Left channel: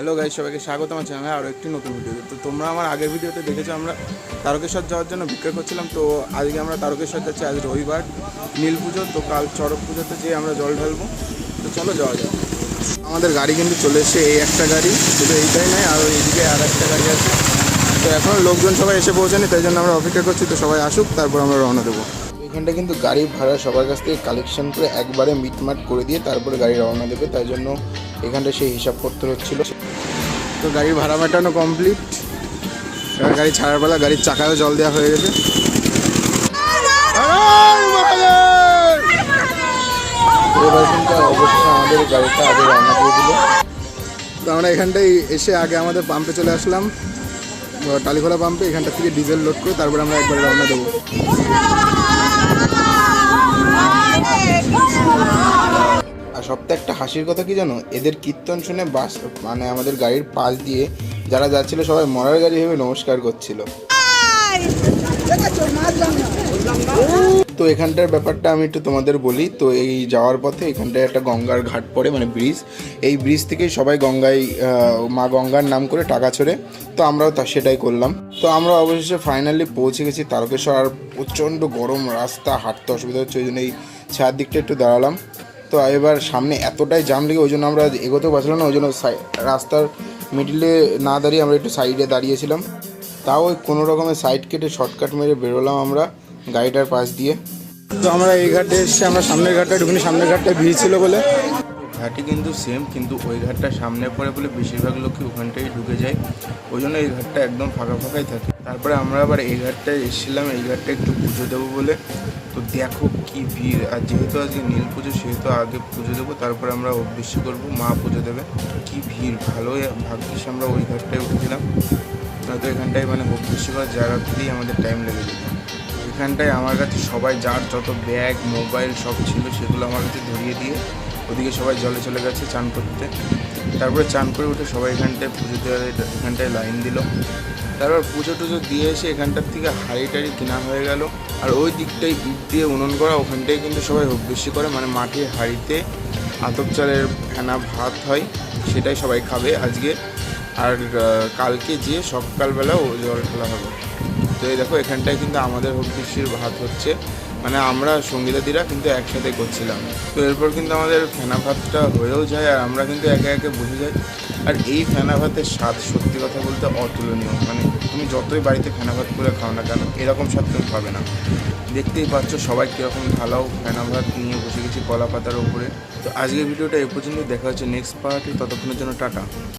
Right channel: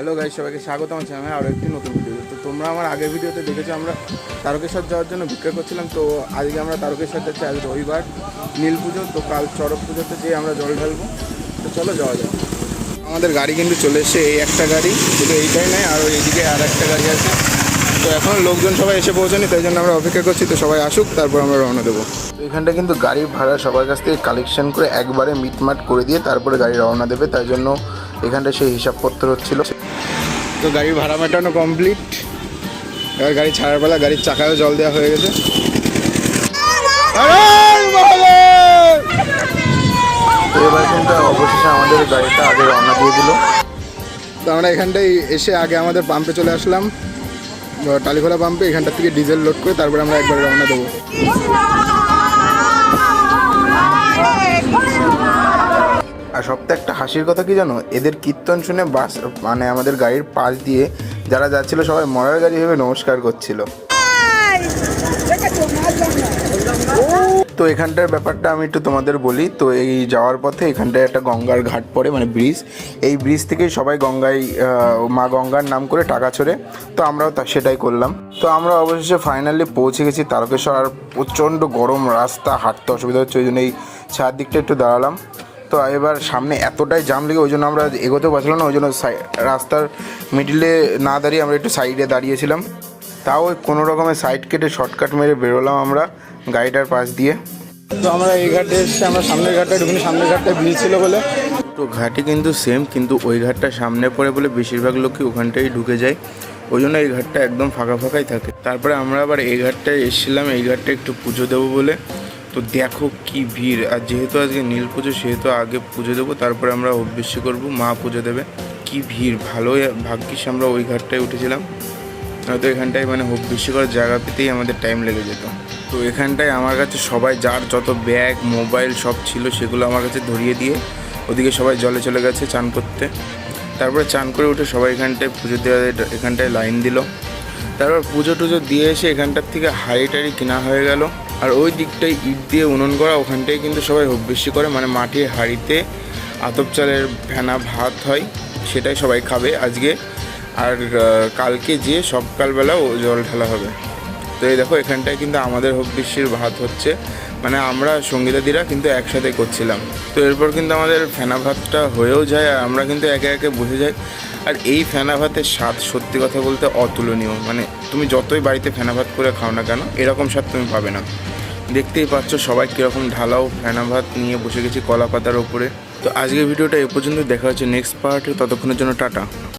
Hello guys, সবাইকে স্বাগতম আছে আমি আরও একটি নতুন ভিডিওতে। তো তোমরা আমার আগের ভিডিওতে দেখেছো আমরা তারকেশ্বর যাওয়ার জন্য ভিক্ষা করছিলাম। তো আজকে আমরা তারকেশ্বর যাচ্ছি, আজ রবিবার, নীল পুজো। তো কাল চড়ক পুজোতে যেয়ে আমরা জল ঢালবো। তো চলো যাওয়া যাক। আমাদের গাড়ি কিন্তু চলে এসছে, এই একটা গাড়ি, শুধু এইটাই নয়, আর এইদিকে আর একটা গাড়ি আছে। তো এখন লোকজন সবাই এসে পৌঁছানি, তাই জন্য আমরা অপেক্ষা করছি। তো সবাই আসুক, তারপর আমরা রওনা দেবো। এখানটা কিন্তু গাড়ি ভাড়া সবার কাছ থেকে কালেকশন করে একবারে মিটমাট করে দিয়ে তারপরে গাড়ি রওনা দেবে, তাই জন্য এখানটা সেই হিসাবপত্র হচ্ছিল। তো গাড়ি ভাড়া মেটানো কমপ্লিট, এবার গাড়ি ছাড়ার বেলা। গাড়ির চাকায়ও জল দেওয়া হয়ে গেছে। এবার কিন্তু অবশেষে আমাদের গাড়িটা আগে রওনা দিয়ে দিল। তো আমরা এখানটায় এসে আগে আমাদের পাম্পে চলে আসলাম, টালিখোলা পাম্পে। এখানটা থেকে ডিজেল লোড করে তারপরে আমরা একবার রওনা দেবো। আর সবথেকে একটা হাসির কথা কি জানো, এদের কীর্তন শুনে বাস মানে আমাদের গাড়ির পাশ দিয়ে যারা যাচ্ছিল সবাই মরার গাড়ি ভেবে নমস্কার করছিল। তো এখানটার ব্যাপারটা আমি একটু তোমাদের বলি। তো এই যাওয়ার পথে এখানটায় একটা গঙ্গার ঘাট পড়ে, মানে ব্রিজ। এই ব্রিজ থেকেই সবাই গঙ্গায় মা গঙ্গার নাম করে টাকা ছোড়ে। তো আমরাও সেটাই করলাম। তো আমরা অবশেষে ফাইনালি পৌঁছে গেছি তারকেশ্বর। আর প্রচণ্ড গরম রাস্তা, হাঁটতে অসুবিধা হচ্ছে, ওই জন্য এই ছায়ার দিকটা একটু দাঁড়ালাম। তো এবার সামনে এতটাই জাম লেগে ওই জন্য আমরা এগোতে পারছিলাম না, ওই জন্য রাস্তার মিডিলে না দাঁড়িয়ে আমরা একটু সাইডে দাঁড়িয়েছিলাম। তাও ওই কোনো রকমের সাইড কেটে শর্টকাট মেরে বেরোলাম আমরা গাড়িটার পাশ দিয়ে। তো আমরা এই ঘাটে এসেছি, আমরা সামনের ঘাটটা ঢুকিনি, সামনের ঘাটটা ভিড় ছিল বলে। তো ঘাটই কিন্তু সেম, কিন্তু ওই ঘাটটা সামনে পড়ে বলে বেশিরভাগ লোকই ওখানটাই ঢুকে যায়, ওই জন্য এই ঘাটটা একদম ফাঁকা ফাঁকাই থাকে। তারপরে আমরা আবার এই ঘাটটায় এসেছিলাম, এই ঘাটটা একটু পুজো দেবো বলে। তো দেখো কি ভিড়। আর যেহেতু আজকে নীল পুজো, সেহেতু আগে পুজো দেবো, তারপরে আমরা অভ্যেসী করবো, মা পুজো দেবে। কি ভিড়, ভালোই ভাগ্যিস আমরা ওই ঘাটটায় উঠেছিলাম, হয়তো এখানটায় মানে অভ্যেসী করার জায়গা পেতেই আমাদের টাইম লেগে যেত। তো এখানটায় আমার কাছে সবাই যার যত ব্যাগ মোবাইল সব ছিল সেগুলো আমার কাছে ধরিয়ে দিয়ে ওদিকে সবাই জলে চলে গেছে চান করতে। তারপরে চান করে উঠে সবাই এখানটায় পুজো দেওয়া, এখানটায় লাইন দিল। তারপর পুজো টুজো দিয়ে এসে এখানটার থেকে হাঁড়ি টাড়ি কেনা হয়ে গেল। আর ওই দিকটায় ইট দিয়ে উনুন করা, ওখানটায় কিন্তু সবাই অভ্যেসী করে, মানে মাটির হাঁড়িতে আতপ চালের ফেনা ভাত হয়, সেটাই সবাই খাবে আজকে। আর কালকে যেয়ে সকালবেলা ও জল ঢালা হবে। তো এই দেখো এখানটায় কিন্তু আমাদের অভ্যেসীর ভাত হচ্ছে, মানে আমরা সঙ্গীতাদিরা কিন্তু একসাথে করছিলাম। তো এরপর কিন্তু আমাদের ফেনা ভাতটা হয়েও যায়, আর আমরা কিন্তু একে একে বসে যাই। আর এই ফেনা ভাতের স্বাদ সত্যি কথা বলতে অতুলনীয়, মানে তুমি যতই বাড়িতে ফেনা ভাত করে খাও না কেন, এরকম স্বাদ তুমি পাবে না। দেখতেই পাচ্ছ সবাই কীরকম ঢালাও ফেনা ভাত নিয়ে বসে গেছি কলা পাতার ওপরে। তো আজকের ভিডিওটা এ পর্যন্ত, দেখা হচ্ছে নেক্সট পার্টে, ততক্ষণের জন্য টাটা।